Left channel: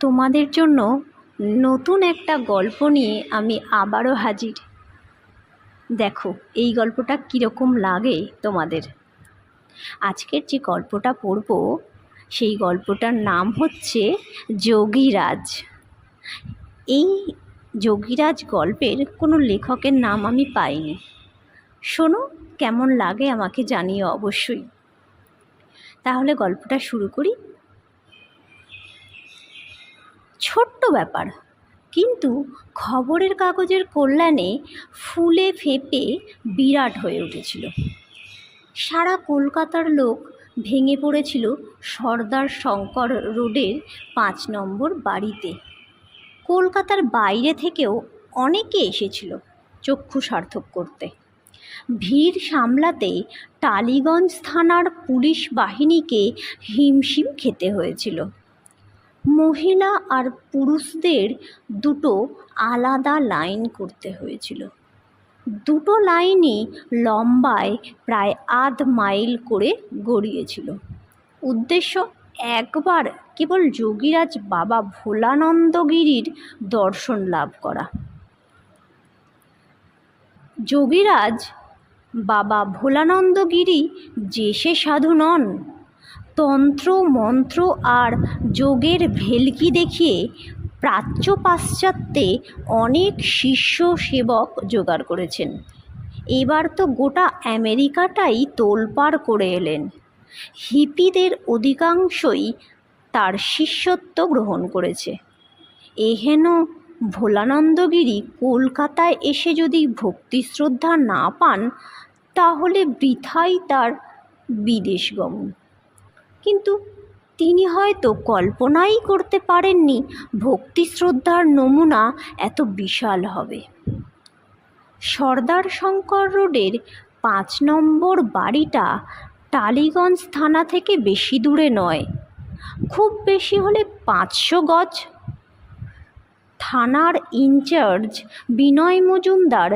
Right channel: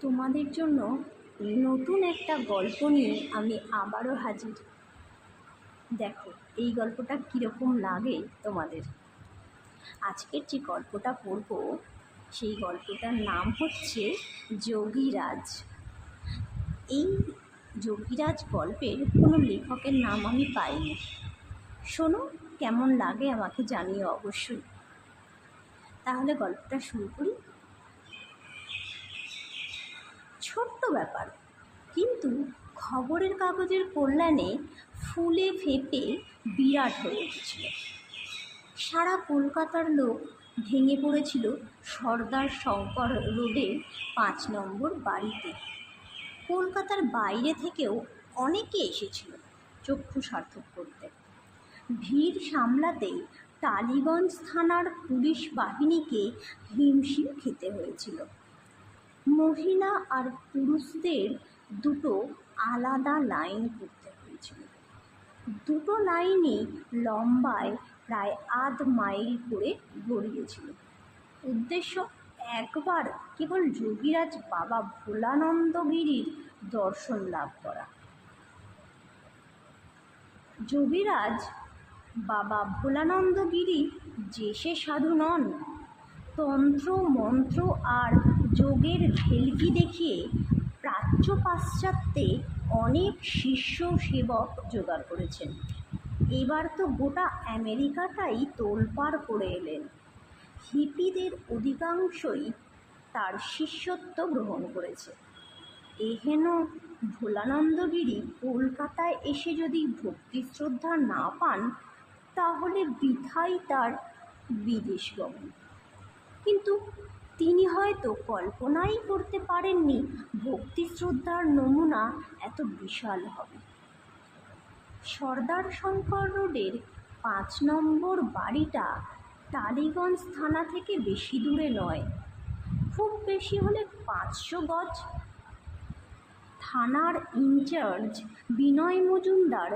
তোমাদের জন্য নতুন একটা গল্প নিয়ে আমি আবারও হাজির। দেখো এই গল্পটা কীরকম লাগে তোমাদের। আজকের যে গল্পটা পড়ব সেই গল্পটার নাম হচ্ছে যোগীরাজ। এই যোগীরাজ গল্পের কোনো লেখকের নাম আমি পাইনি। শোনো, কেমন লাগে আমাকে জানিও অবশ্যই। তাহলে গল্পটা শুরু করি। ছোট্ট ব্যাপার, কিন্তু খবরের কাগজের কল্যাণে ফুলে ফেঁপে বিরাট হয়ে উঠেছিল। সারা কলকাতার লোক ভেঙে পড়েছিল সর্দার শঙ্কর রোডের 5 নম্বর বাড়িতে। কলকাতার বাইরে থেকেও অনেকে এসেছিল চক্ষু সার্থক করতে। ভিড় সামলাতে টালিগঞ্জ থানার পুলিশ বাহিনীকে হিমশিম খেতে হয়েছিল। মহিলা আর পুরুষদের দুটো আলাদা লাইন করতে হয়েছিল। দুটো লাইনই লম্বায় প্রায় 1/2 মাইল করে গড়িয়েছিল। উদ্দেশ্য একবার কেবল যোগীরাজ বাবা ভোলানন্দগিরির দর্শন লাভ করা। যোগীরাজ বাবা ভোলানন্দগিরি যে সে সাধু নন। তন্ত্র মন্ত্র আর যোগের ভেলকি দেখিয়ে প্রাচ্য পাশ্চাত্যে অনেক শিষ্য সেবক জোগাড় করেছেন। এবার তো গোটা আমেরিকাটাই তোলপাড় করে এলেন। হিপিদের অধিকাংশই তার শিষ্যত্ব গ্রহণ করেছে। এহেন ভোলানন্দগিরি কলকাতায় এসে যদি ভক্তি শ্রদ্ধা না পান, তাহলে বৃথাই তার বিদেশ গমন। কিন্তু তিনি হয়তো কল্পনাই করতে পারেননি ভক্তি শ্রদ্ধার নমুনা এত বিশাল হবে। সর্দার শঙ্কর রোডের 5 নম্বর বাড়িটা টালিগঞ্জ থানা থেকে বেশি দূরে নয়, খুব বেশি হলে 500 গজ। থানার ইনচার্জ বিনয় মজুমদার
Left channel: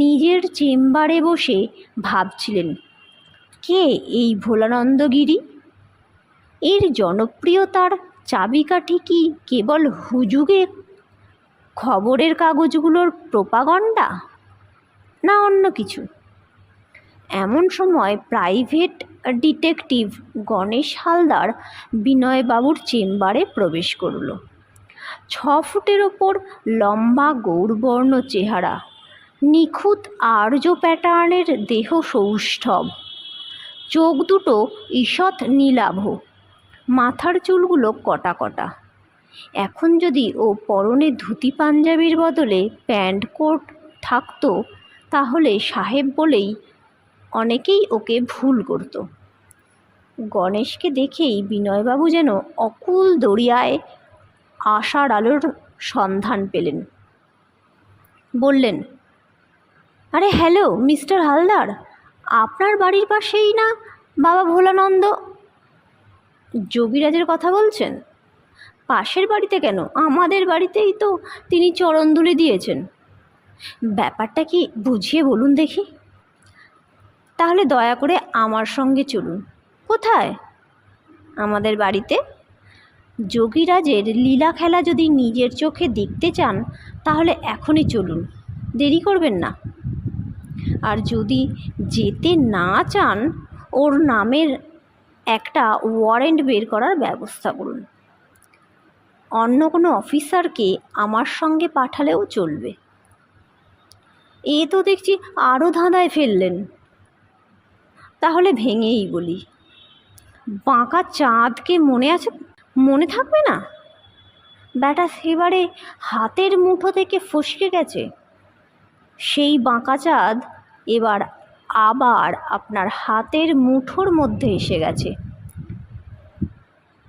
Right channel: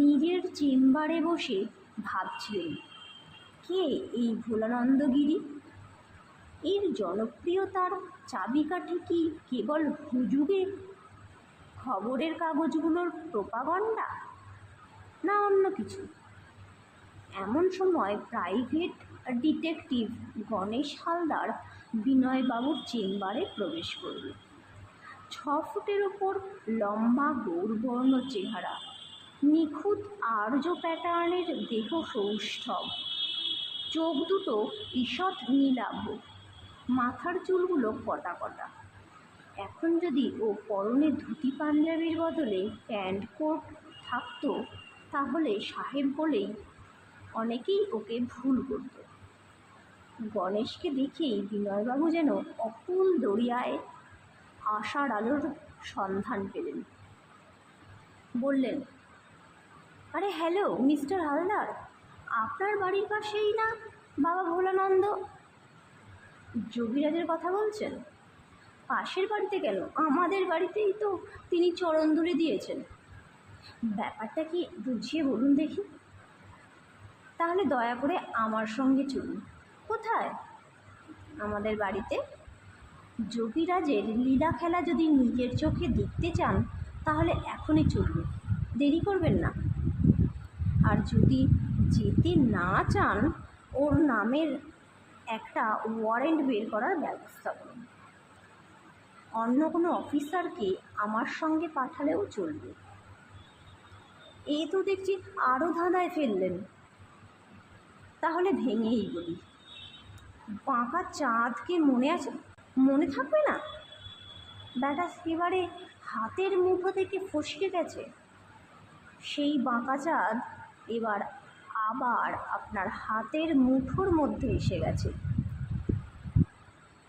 নিজের চেম্বারে বসে ভাবছিলেন, কে এই ভোলানন্দগিরি? এর জনপ্রিয়তার চাবিকাঠি কি কেবল হুজুগে খবরের কাগজগুলোর প্রোপাগান্ডা, না অন্য কিছু? এমন সময় প্রাইভেট ডিটেকটিভ গণেশ হালদার বিনয়বাবুর চেম্বারে প্রবেশ করল। 6 ফুটের ওপর লম্বা গৌরবর্ণ চেহারা, নিখুঁত আর্য প্যাটার্নের দেহ সৌষ্ঠব, চোখ দুটো ঈষৎ নীলাভ, মাথার চুলগুলো কটা কটা। এখন যদি ও পরনে ধুতি পাঞ্জাবির বদলে প্যান্ট কোট থাকতো, তাহলে সাহেব বলেই অনেকেই ওকে ভুল করত। গণেশকে দেখেই বিনয়বাবু যেন অকুল দরিয়ায় আশার আলোর সন্ধান পেলেন। বললেন, আরে হ্যালো মিস্টার হালদার, আপনার বাড়ির পাশেই না বাবা ভোলানন্দ? যোগীরাজের কথা বলছেন? পাশের বাড়িতে কেন, আমাদের বাড়িতেই তো তিনি চরণধুলি দিয়েছেন। ব্যাপারটা কি বুঝিয়ে বলুন দেখি। তাহলে দয়া করে আমার সঙ্গে চলুন। কোথায়? আমাদের বাড়িতে। যোগীরাজের লীলা খেলা যদি নিজের চোখে দেখতে চান, তাহলে এখনই চলুন, দেরি করবেন না। আর যদি যেতে না চান, ওর নামের একটা ওয়ারেন্ট বের করার ব্যবস্থা করুন। অন্য কোনো অফিসারকে আমার সঙ্গে পাঠালেও চলবে। এ তো দেখছি আরও ধাঁধায় ফেললেন। তাহলে ভেঙেই বলি, বাঁকা চাঁদকে মনে আছে? মনে থাকবে না? ব্যাটা সেবারে হাতের মুঠো থেকে ফসকে গেছে। সেই বাঁকা চাঁদ এবার আবার আপনার হাতের মুঠোর মধ্যে এসে গেছে।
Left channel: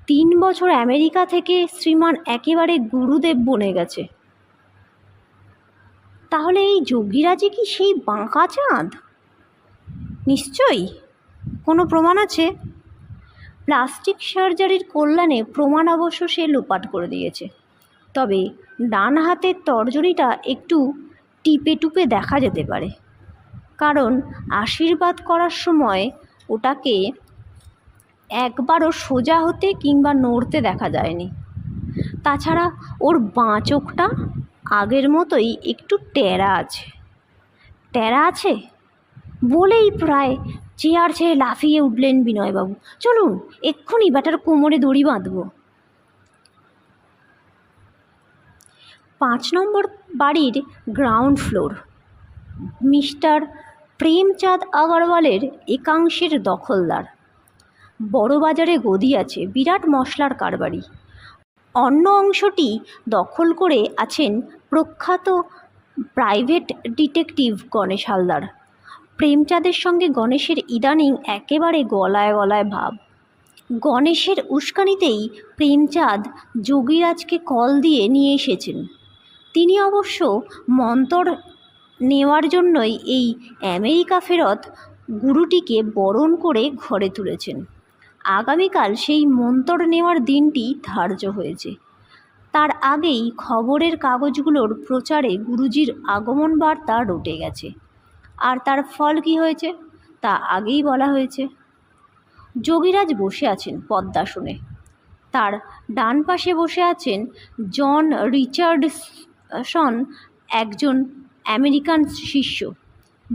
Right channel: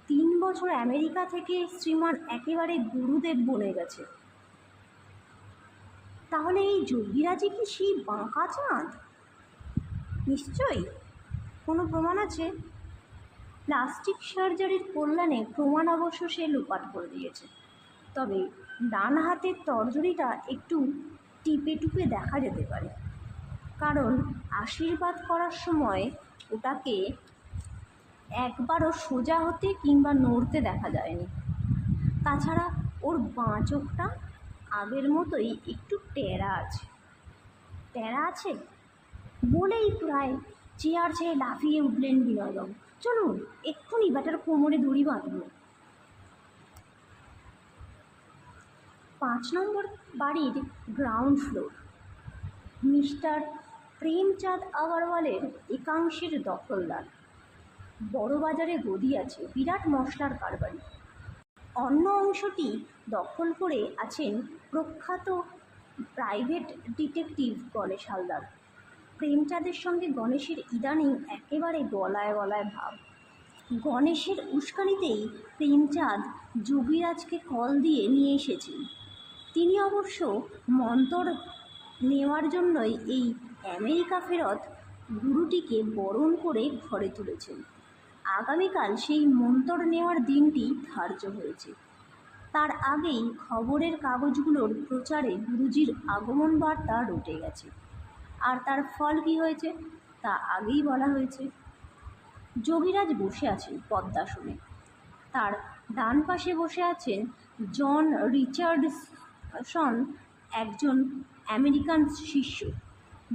3 বছর আমেরিকা থেকে শ্রীমান একেবারে গুরুদেব বনে গেছে। তাহলে এই যোগীরাজই কি সেই বাঁকা চাঁদ? নিশ্চয়ই। কোনো প্রমাণ আছে? প্লাস্টিক সার্জারির কল্যাণে প্রমাণ অবশ্য সে লোপাট করে দিয়েছে। তবে ডান হাতের তর্জনীটা একটু টিপে টুপে দেখা যেতে পারে, কারণ আশীর্বাদ করার সময় ওটাকে একবারও সোজা হতে কিংবা নড়তে দেখা যায়নি। তাছাড়া ওর বাঁ চোখটা আগের মতোই একটু ট্যারা আছে বলেই প্রায় চেয়ার ছেড়ে লাফিয়ে উঠলেন বিনয়বাবু। চলুন, এক্ষুনি ব্যাটার কোমরে দড়ি বাঁধব। 5 নম্বর বাড়ির গ্রাউন্ড ফ্লোর মিস্টার প্রেমচাঁদ আগরওয়ালের একাংশের দখলদার। বড় বাজারে গদি আছে, বিরাট মশলার কারবারি। অন্য অংশটি দখল করে আছেন প্রখ্যাত প্রাইভেট ডিটেকটিভ গণেশ হালদার। প্রেমচাঁদের সঙ্গে গণেশের ইদানিং একেবারে গলায় গলায় ভাব। গণেশের উস্কানিতেই প্রেমচাঁদ যোগীরাজকে কল দিয়ে নিয়ে এসেছেন। তিনি অবশ্য মন্তর নেওয়ার জন্যই এই আমেরিকা ফেরত গুরুটিকে বরণ করে ঘরে তুলেছেন। আগামীকাল সেই মন্তর নেওয়ার দিনটি ধার্য হয়েছে। তার আগেই খবরের কাগজগুলোর প্রচারে গুরুজির আগমন বার্তা রটে গেছে। আর তার ফল কি হয়েছে তা আগেই বলা হয়েছে। যোগীরাজ বসে আছেন পদ্মাসনে। তার ডান পাশে বসে আছেন জন রিচার্ডসন, একজন আমেরিকান শিষ্য।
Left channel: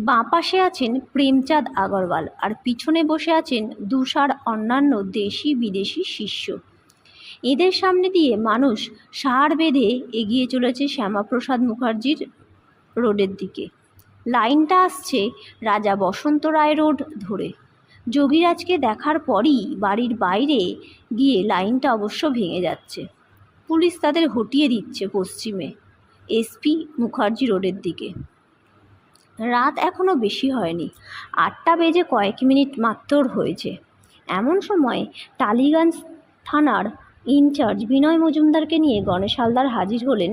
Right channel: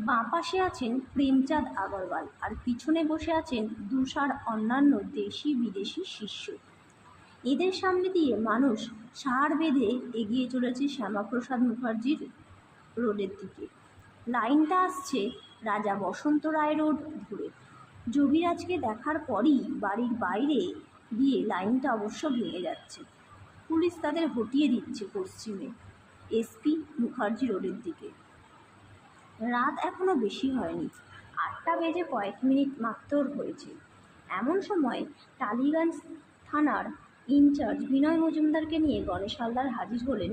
বাঁ পাশে আছেন প্রেমচাঁদ আগরওয়াল, আর পিছনে বসে আছেন দুসার অন্যান্য দেশি বিদেশি শিষ্য। এদের সামনে দিয়ে মানুষ সার বেঁধে এগিয়ে চলেছে শ্যামাপ্রসাদ মুখার্জির রোডের দিকে। লাইনটা আসছে রাজা বসন্ত রায় রোড ধরে। যোগীরাজকে দেখার পরই বাড়ির বাইরে গিয়ে লাইনটা অবশ্য ভেঙে যাচ্ছে। পুলিশ তাদের হটিয়ে দিচ্ছে পশ্চিমে এসপি মুখার্জি রোডের দিকে। রাত এখনও বেশি হয়নি, 8টা বেজে কয়েক মিনিট মাত্র হয়েছে। এমন সময় টালিগঞ্জ থানার ইনচার্জ বিনয় মজুমদারকে নিয়ে গণেশ হালদার হাজির হলেন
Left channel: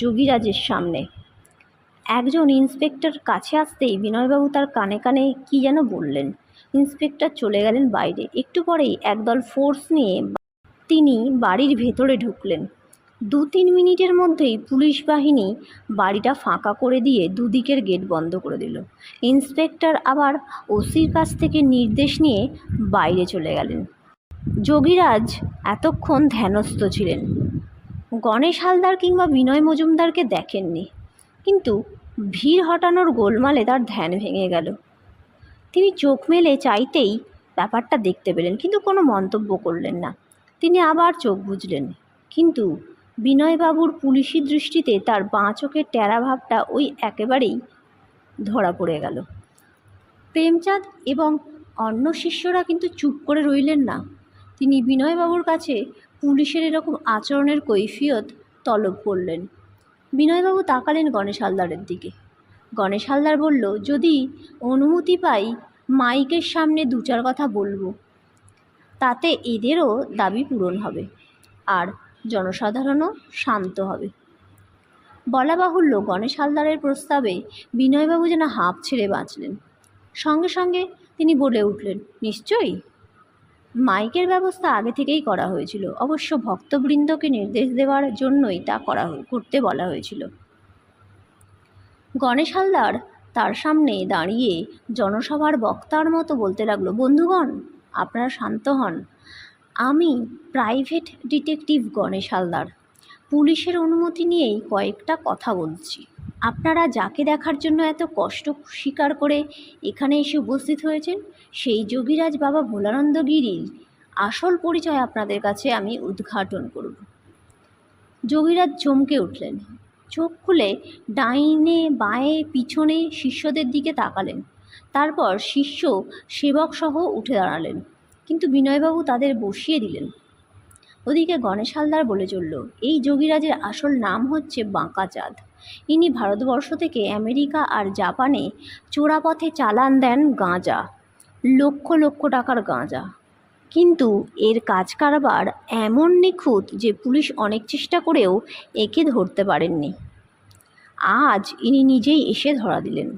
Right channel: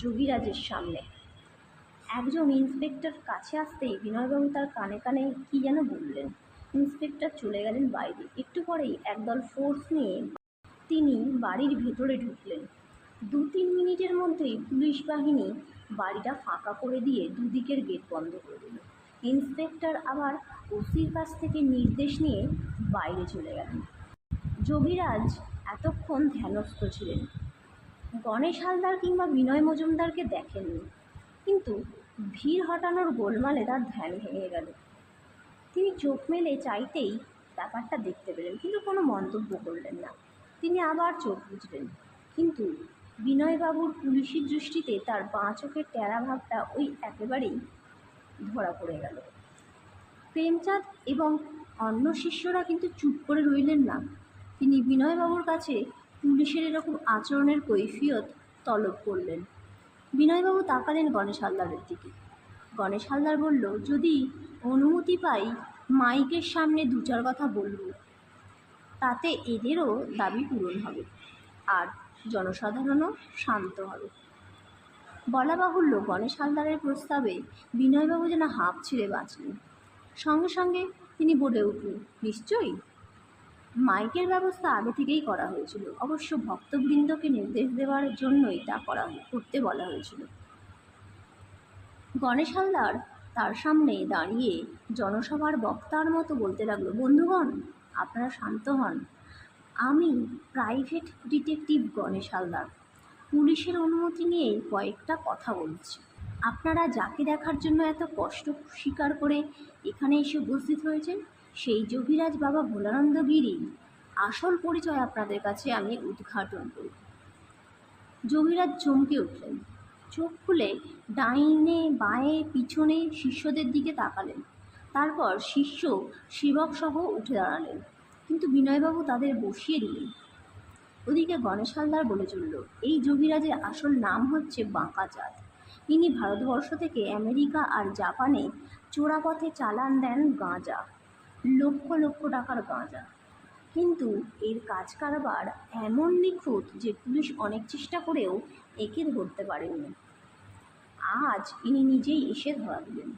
যোগীরাজের সামনে। একজন ইন্সপেক্টর কাছে আসতেই বিনয়বাবু তার কানে কানে কী যেন বললেন। ইন্সপেক্টর চলে গেলেন বাইরে। একটু পরেই একদল ফোর্স নিয়ে তিনি বাড়ির ভেতরে ঢুকলেন। 2-3 মিনিটের মধ্যেই পুলিশ বাহিনী বাড়িটা ফাঁকা করে দিয়ে দুদিকের গেট বন্ধ করে দিল। ইন্সপেক্টর আবার ওসির কাছ থেকে নির্দেশ নিয়ে বাইরে চলে গেলেন। যোগীরাজ এতক্ষণ ধ্যানস্থ ছিলেন। গণেশ হালদার কিংবা বিনয় মজুমদারকে দেখেননি, কিন্তু ভিড় হটানোর গোলমালে তার ধ্যান ভেঙে গেল। তিনি চোখ মেলে চাইতেই ব্যাপারটা দেখতে পেলেন, কিন্তু কোনো মন্তব্য করলেন না। তিনি আবার চোখ বুজলেন, কিন্তু বিনয়বাবুর পুলিশি দৃষ্টিতে তার বাঁ চোখের ট্যারা ভাবটা ওই একেবারেই ধরা পড়ে গেল। প্রেমচাঁদ এবং অন্য শিষ্যরা কিন্তু চুপ করে রইলেন না। তিনি বিনয়বাবুর কাছে পুলিশের এরকম আচরণের কৈফিয়ত তলব করলেন। বিনয়বাবু তাকালেন গণেশ হালদারের দিকে। গণেশ হালদার বলল, যদি অনুমতি পাই মাইকের সামনে 2-4 কথা বলবো, তাতে এদেরও দাবি পূরণ হবে আর জনসাধারণও শান্ত হবে। বলা বাহুল্য, গণেশ হালদারের প্রস্তাবে বিনয়বাবু যেন হাঁপ ছেড়ে বাঁচলেন। সঙ্গে সঙ্গে তিনি বলে উঠলেন, নিশ্চয়ই। মাইকের ব্যবস্থা আগে থেকেই করা হয়েছিল, অবশ্য ভক্তবৃন্দকে নির্দেশ দেওয়ার জন্যই তা করতে বলা হয়েছিল। গণেশ হালদার তার সামনে দাঁড়িয়ে জনসভার বক্তার মতো বলতে লাগলো, বন্ধুগণ, আপনারা শান্ত হন। আমি প্রাইভেট ডিটেকটিভ গণেশ হালদার। পুলিশের অনুমতি নিয়েই কয়েকটা কথা বলছি। আপনারা যাকে দেখার জন্য এত কষ্ট স্বীকার করে এখানে এসে উপস্থিত হয়েছেন, সেই যোগীরাজ বাবা ভোলানন্দ গিরির আসল পরিচয় আপনাদের কাছে আমি উদ্ঘাটন করব। যোগীরাজ চমকে উঠলেন। চোখ খুলে ডাইনে বাঁয়ে পিছনে শিষ্যদের দিকে তাকালেন। তারপর শিষ্য সেবক সহ উঠে দাঁড়ালেন, কিন্তু বিনয়বাবু তাদের বসিয়ে দিলেন। ওদিকে গণেশ হালদার বলে চলল, এই যোগীরাজের আসল নাম হচ্ছে বাঁকাচাঁদ। ইনি ভারতবর্ষ থেকে আমেরিকা আর জাপানে চোরাপথে চালান দেন গাঁজা, লক্ষ লক্ষ টাকার গাঁজা। কিন্তু এর কাজ কারবার এমন নিখুঁত যে পুলিশ অনেক চেষ্টা করেও একে ধরতে পারেননি। আজ ইনি নিজেই এসে ধরা দিলেন।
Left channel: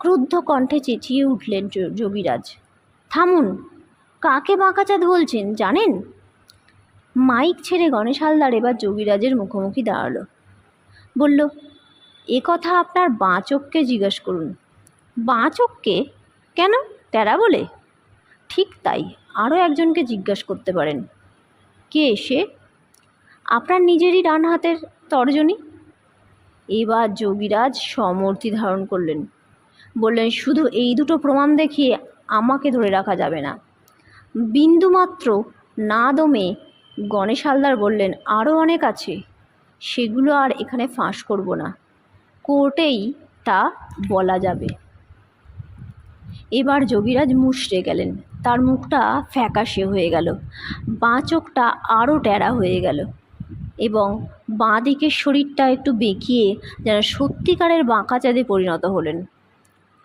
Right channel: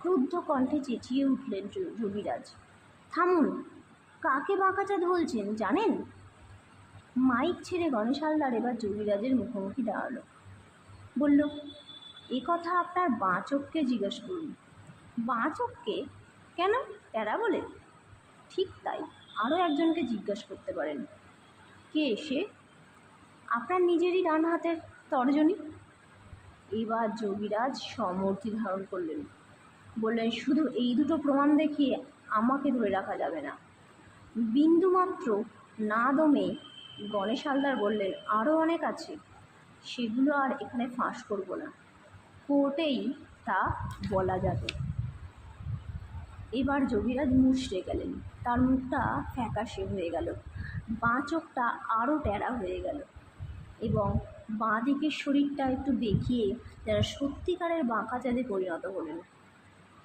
ক্রুদ্ধ কণ্ঠে চেঁচিয়ে উঠলেন যোগীরাজ, থামুন! কাকে বাঁকাচাঁদ বলছেন জানেন? মাইক ছেড়ে গণেশ হালদার এবার যোগীরাজের মুখোমুখি দাঁড়ালো। বলল, এ কথা আপনার বাঁ চোখকে জিজ্ঞাসা করুন। বাঁ চোখকে? কেন, ট্যারা বলে? ঠিক তাই, আরও একজনকে জিজ্ঞাসা করতে পারেন। কে সে? আপনার নিজেরই ডান হাতের তর্জনী। এবার যোগীরাজ সমর্থি ধারণ করলেন, বললেন, শুধু এই দুটো প্রমাণ দেখিয়ে আমাকে ধরে রাখা যাবে না। বিন্দুমাত্র না দমে গণেশ হালদার বললেন, আরও অনেক আছে, সেগুলো আর এখানে ফাঁস করব না, কোর্টেই তা বলা যাবে। এবার যোগীরাজ মুষড়ে গেলেন, তার মুখটা ফ্যাকাশে হয়ে গেল, বাঁ চোখটা আরও ট্যাড়া হয়ে গেল এবং বাঁ দিকের শরীরটা একটু বেঁকিয়ে যেন সত্যিকারের বাঁকাচাঁদে পরিণত হলেন।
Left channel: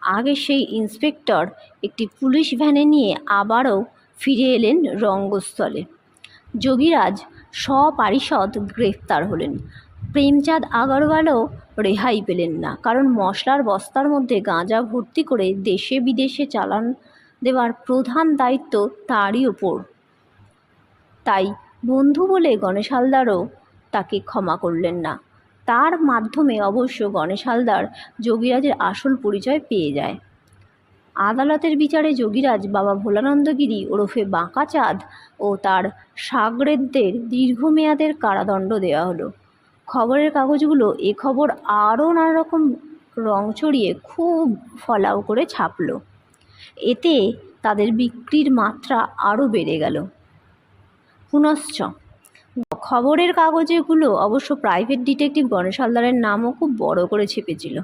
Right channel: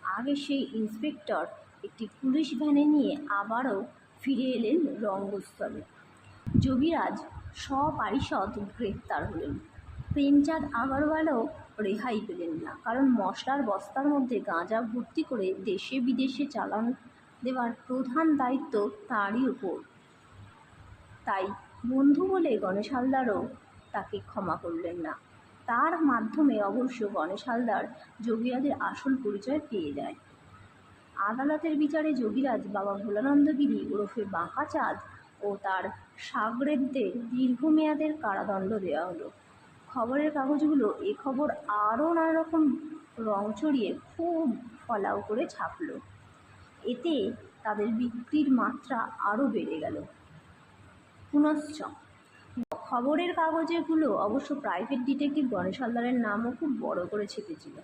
আগে সেই ইন্সপেক্টর একটি পুলিশ ভ্যানে নিয়ে আবারও ফিরে এলেন রঙ্গস্থলে। যোগীরাজ সপারিষদ গ্রেফতার হলেন। প্রেমচাঁদ আগরওয়ালও রেহাই পেলেন না, কারণ মশলার বস্তার মধ্যে গাঁজা ভর্তি করে দেশে বিদেশে চালান দেওয়ার প্রধান দায়িত্ব তারই ওপর। তাই বন্ধু বলে গণেশ হালদারও তাকে ক্ষমা করলেন না। তার মাধ্যমে অবশ্য গণেশ হালদার যোগীরাজের আসল পরিচয় পেয়ে যায়। আদালতের বিচারে যোগীরাজ বাবা ভোলানন্দগিরি ওরফে বাঁকাচাঁদ ও তার শাগরেদদের দীর্ঘমেয়াদের কারাদণ্ড দেওয়া হলো। খবরের কাগজগুলো এ খবর আরও নানা রকম রং চড়িয়ে খুব ফলাও করে ছাপলো। এতে তাদের বিক্রির মাত্রা আরও বেড়ে গেল। পুনশ্চ খবরের কাগজেগুলো অবশ্য প্রাইভেট ডিটেকটিভ গণেশ হালদারের নামও খুব বড় করে ছেপেছিল।